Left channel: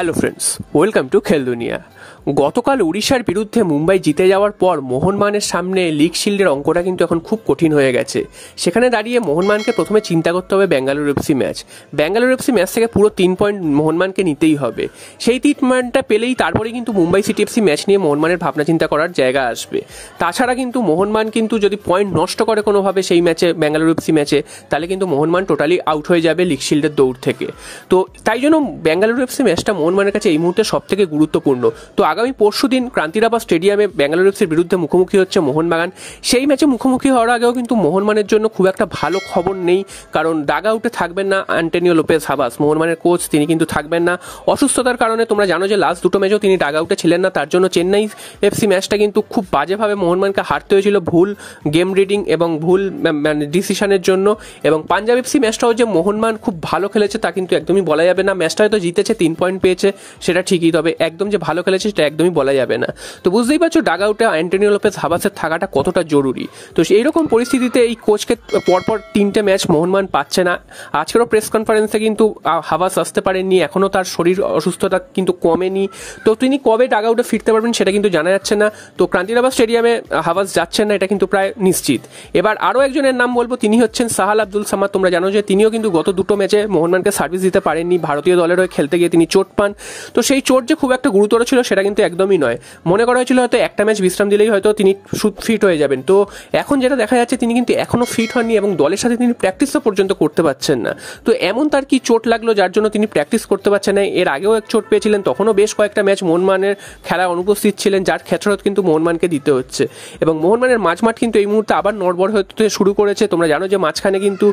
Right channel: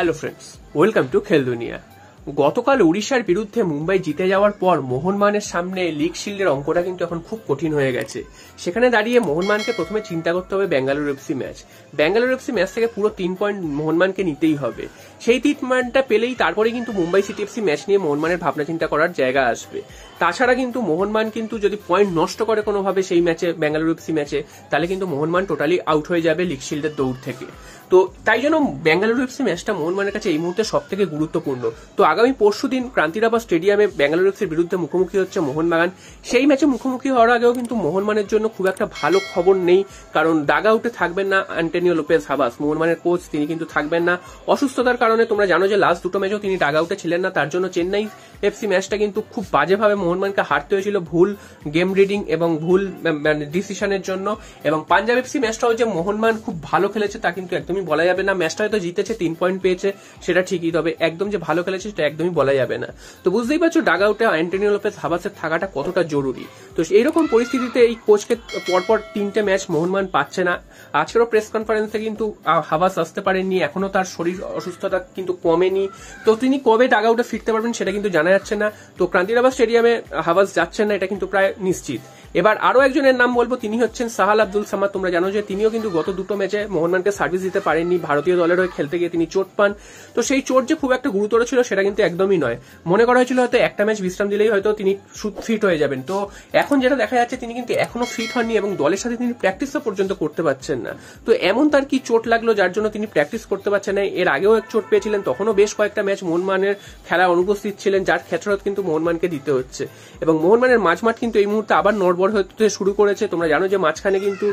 Hello friends, welcome to খেল দুনিয়া। গতকাল উড়িষ্যার বিরুদ্ধে মুম্বাই জিতে যাওয়ার পর মোহনবাগানের সামনে লিগ শিল্ডের অঙ্কটা কিন্তু এখন খুব কঠিন হয়ে গেছে। সেখানে দাঁড়িয়ে মোহনবাগানকে প্রথমে চিন্তা করতে হবে Bengaluru FC match. Bengaluru FC match থেকে পুরো 3 পয়েন্ট মোহনবাগানকে নিতেই হবে। সেই 3 পয়েন্টটা পেলেই তারপরে কিন্তু মুম্বাই সিটি এফসি ম্যাচ নিয়ে মোহনবাগানের ভাবনা চিন্তা করার জায়গা আসবে। তাছাড়া কিন্তু মোহনবাগান কিন্তু যদি পয়েন্ট নষ্ট করে কোনোভাবে সেই ম্যাচে, বেঙ্গালুরু এফসি ম্যাচে, তাহলে কিন্তু মোহনবাগান টোটালি আউট হয়ে যাবে লিগ শিল্ডের দৌড় থেকে। তো তাই জন্য বেঙ্গালুরু এফসি ম্যাচটা মোহনবাগানের কাছে এই মুহূর্তে সব থেকে গুরুত্বপূর্ণ। তো আগামী পরশুদিন ক্রান্তিরাবাস স্টেডিয়ামে বেঙ্গালুরু এফসির বিরুদ্ধে মুখোমুখি হচ্ছে মোহনবাগান। সেই ম্যাচে মুখোমুখি হওয়ার আগেও কিন্তু মোহনবাগানের জন্য খুব একটা ভালো খবর নেই, কারণ ডাগ আউটে থাকবেন না আন্টোনিও লোপেজ হাবাস, মোহনবাগানের কোচ, তিনি কিন্তু থাকবেন না অসুস্থতার কারণে। তোমরা জানো যে লাস্ট দুটো ম্যাচেও তিনি ডাগ আউটে ছিলেন না, তার জন্য চেন্নাই এফসি ম্যাচটা কিন্তু খুব বাজেভাবে মোহনবাগানকে হারতে হয়েছিল ভুল গেম রিডিং এবং ভুল ডিসিশনের জন্য। এবং পাঞ্জাব এফসি ম্যাচটাও যে মোহনবাগান খুব ভালো খেলেছে তা কিন্তু একদমই বলা যাবে না। ম্যাচটা হয়তো জিতেছে, 3 পয়েন্ট পেয়েছে, সেটা ঠিকই, তবে একদম যে ভালো খেলেছে সেটা একদমই বলা যাবে না। তো বুঝতেই পারছো ডাগ আউটে আন্টোনিও লোপেজ হাবাসের থাকাটা কতটা জরুরি। তো এইরকম পরিস্থিতিতে এই কোচকে পরপর 3টে ম্যাচ মোহনবাগান পাচ্ছে না। আজকেরও প্রেস কনফারেন্সে কিন্তু হাবাস আসতে পারেননি, এখনও তার শরীর অসুস্থতা কিন্তু কমেনি। তো তিনি কবে ডাগ আউটে ফিরতে পারবেন সেটা কিন্তু জানা যাচ্ছে না। তো ক্রান্তিরাবাস স্টেডিয়ামে হাবাস যাচ্ছেন না, এটা কিন্তু প্রায় নিশ্চিত। এবার আরও একজনের নাম বলবো, তিনি হচ্ছেন সাহাল আব্দুল সামাদ। তোমরা জানো যে তিনিও কিন্তু গত দুটো ম্যাচে মোহনবাগানকে সার্ভিস দিতে পারেননি, ভারতীয় দলের হয়ে খেলতে গিয়ে তিনি চোট পান। তো সেই চোট যে খুব একটা গুরুতর ছিল সেটা কিন্তু একদমই নয়। মনে করা হয়েছিল হয়তো একটা ম্যাচ বিশ্রাম দিলেই হয়তো তিনি ফিট হয়ে যাবেন। তো এখন যেটা দেখা যাচ্ছে তিনি কিন্তু এখনো ফিট হননি এবং দলের সাথে তিনি প্র্যাকটিসও পর্যন্ত করতে পারছেন না। তো এমন তার কি চোট লাগলো যার জন্য তিনি প্র্যাকটিস করতে পারছেন না? এর আগেও এক চোট পেয়েছিলেন, তখনও বেশ কয়েকটা ম্যাচ মোহনবাগানের খেলায় অনুপস্থিত ছিলেন, যার খেসারত কিন্তু মোহনবাগানকে দিতে হচ্ছে। এবং মোহনবাগানের মাঝমাঠ কিন্তু এই মুহূর্তে আবার নড়বড় হতে শুরু করেছে। তোমরা জানো যে মাঝখানে কিন্তু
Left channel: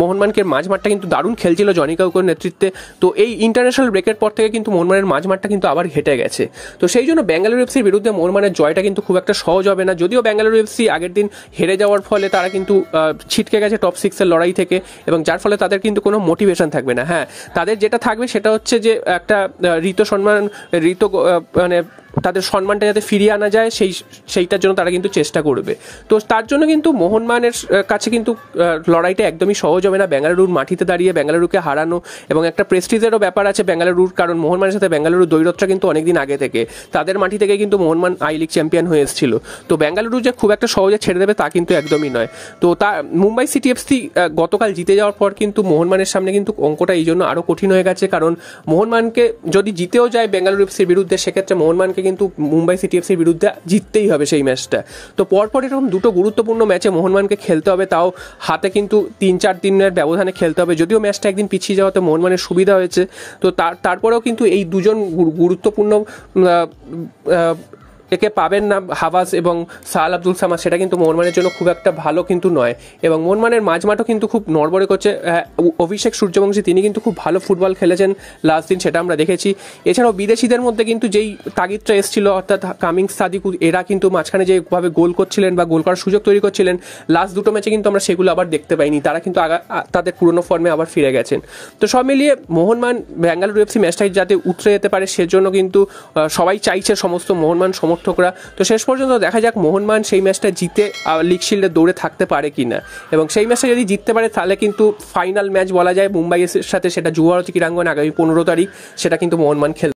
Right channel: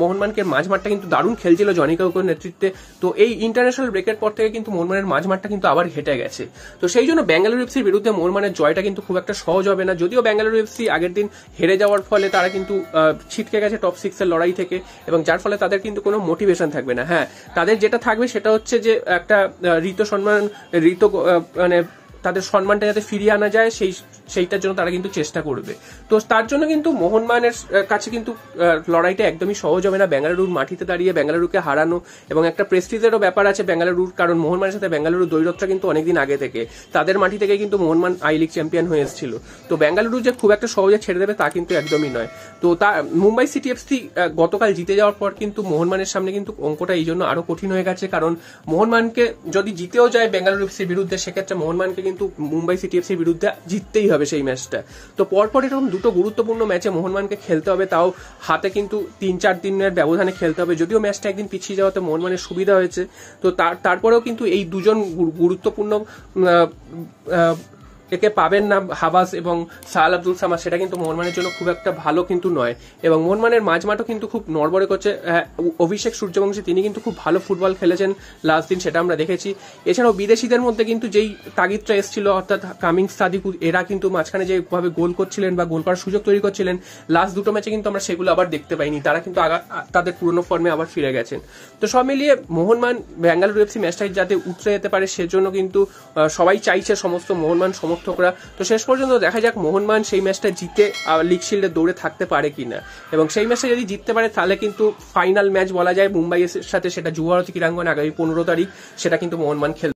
মোহনবাগানের মাঝমাঠটা কিন্তু দারুণ খেলছিল জনি কাউকের নেতৃত্বে। তো এই ইন্টারন্যাশনাল ব্রেকের পর থেকে কিন্তু মোহনবাগানের মাঝমাঠটা কিন্তু আবার ঘেটে গেছে। তো সেই জন্য বেঙ্গালুরু এফসির বিরুদ্ধে মোহনবাগানের জয়টা কিন্তু খুব একটা সহজ হবে না। যদিও বেঙ্গালুরু এফসি আগের দিন হেরে যাওয়ার ফলে তারা কিন্তু ছিটকে গেছে টপ 6-এর লড়াই থেকে, এবং যার ফলে তাদের কিন্তু কোনো মোটিভেশন থাকবে না। হ্যাঁ, তাদের যেটা থাকবে সেটা হচ্ছে যে একটা মানে তাদের সম্মানটা যাতে ফিরিয়ে আনা যায় সেইটার জন্য তারা কিন্তু চেষ্টা করবে। তো তার জন্য কিন্তু মোহনবাগানের কাছে কিন্তু লড়াইটা একদমই সহজ হবে না। বেঙ্গালুরুর মাটিতে দাঁড়িয়ে বেঙ্গালুরুকে হারানো এবং একটা প্রেস্টিজেরও ব্যাপার আছে বেঙ্গালুরুর, কারণ মোহনবাগানের সাথে বেঙ্গালুরুর দৈরথটা কিন্তু অনেকদিন আগে থেকে, তাদের মাটি থেকে কিন্তু মোহনবাগান আই লিগ চ্যাম্পিয়ন হয়ে এসেছিল। তো বেঙ্গালুরু যে খুব একটা সহজে ছেড়ে দেবে তা কিন্তু একদমই নয়। তো মুম্বাই সিটি এফসি গতকাল জিতে যাওয়ার পর কিন্তু মোহনবাগানের সামনে কিন্তু অঙ্কটা এই জন্য আরো কঠিন হয়ে গেছে, কারণ মোহনবাগানকে যদি জিতেও যায় বেঙ্গালুরু এফসির বিরুদ্ধে, সেক্ষেত্রে মোহনবাগানকে কিন্তু মুম্বাই সিটি এফসির বিরুদ্ধে জিততেই হবে সেই ম্যাচটা। তো পরপর এরকম দুটো গুরুত্বপূর্ণ ম্যাচে মোহনবাগানকে খেলতে হবে, তাও হাতে কিন্তু 3-4 দিনের ব্যবধানে খেলতে হবে। যদিও ম্যাচটা একদিন পিছিয়ে যাওয়াতে মোহনবাগানের সুবিধা হয়েছে, তো তারপরেও কিন্তু এই দুজন গুরুত্বপূর্ণ একে পাবেন না হাবাস এবং সাহাল আব্দুল সামাদ, সেটা কিন্তু মোহনবাগানের জন্য খুব একটা ভালো কিন্তু নয়। এবং মোহনবাগানের মাঝমাঠও কিন্তু খুব নড়বড়ে করছে। অভিষেক সূর্যবংশী তিনি কিন্তু খুব ভালো ফুটবল খেলেছেন লাস্ট দিন, সেটা আমরা দেখেছি। এছাড়াও বিদেশিদের মধ্যে কিন্তু যেই তাগিদটা এসেছিল, অর্থাৎ কামিংস, সাদিক, এরা কিন্তু মাঝখানে যেভাবে গোল করছিলেন বা গোল করার সুযোগ তৈরি করছিলেন লাস্ট দুটো ম্যাচে, কিন্তু আমরা সেগুলো আবার দেখতে পাইনি। তারা কিন্তু তাদের পুরনো ফর্মে আবার ফিরে গেছেন। তো সব মিলিয়ে মোহনবাগান বেঙ্গালুরু এফসি ম্যাচটাই যাতে উতরে যেতে পারে সেজন্য কিন্তু সবাই চাইছে, সমস্ত মোহনবাগান সমর্থকরা। তো শেষ পর্যন্ত দেখা যাক মোহনবাগান সেই ম্যাচটা জিতে লিগ শিল্ডের দৌড়ে থাকতে পারে কিনা। এবং সেই ম্যাচটা যদি জিততে পারে তাহলে কিন্তু ফাইনাল ম্যাচ বলা যায় মুম্বাইয়ের সাথে, সেটা যুবভারতী ক্রীড়াঙ্গনে আগামী 15 তারিখ, সেটা কিন্তু মোহনবাগান খেলবে।